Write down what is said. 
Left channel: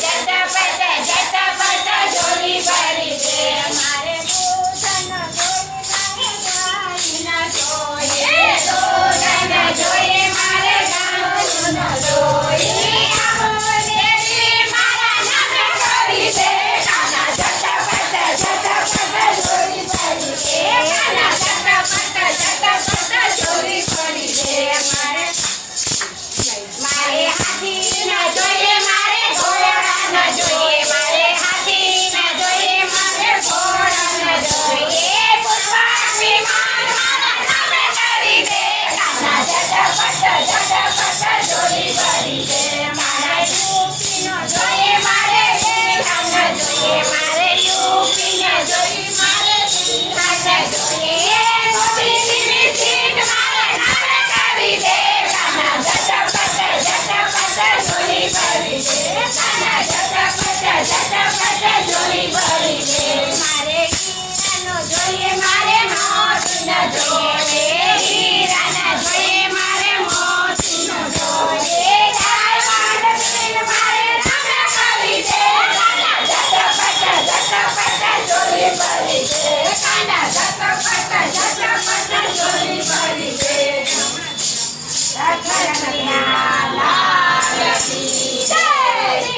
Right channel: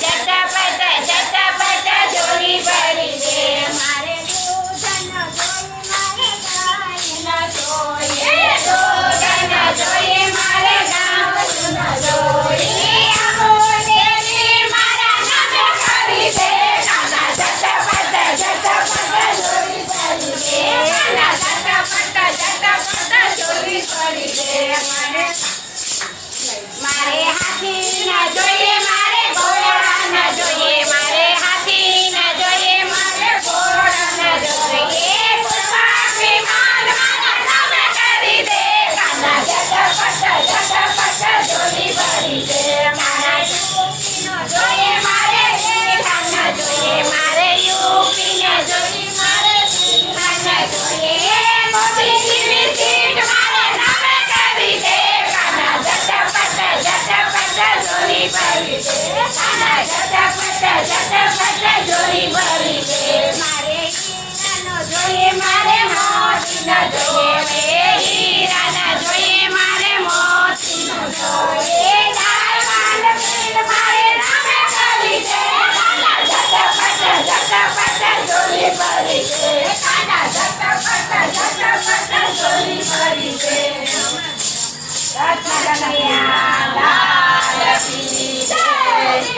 झटपट झोली भरी दे मारे दूधनो जोई मारे गायनो जोई दूधनो जोई मारे गायनो जोई अमोलेली मारा नामे भरी दे काना झटपट झोली भरी दे काना झटपट झोली भरी दे मारे हाथी ना जोईए मारे घोड़ा ना जोईए मारे हाथी ना जोईए मारे घोड़ा ना जोईए पुष्पक विमान मारा नामे करी दे काना झटपट झोली भरी दे मारा यूपी नो जोईए मारे काना जोईए मारे यूपी ने जोई मारे काना जोईए मोगली की सीट मारे नामे करी दे काना झटपट झोली भरी दे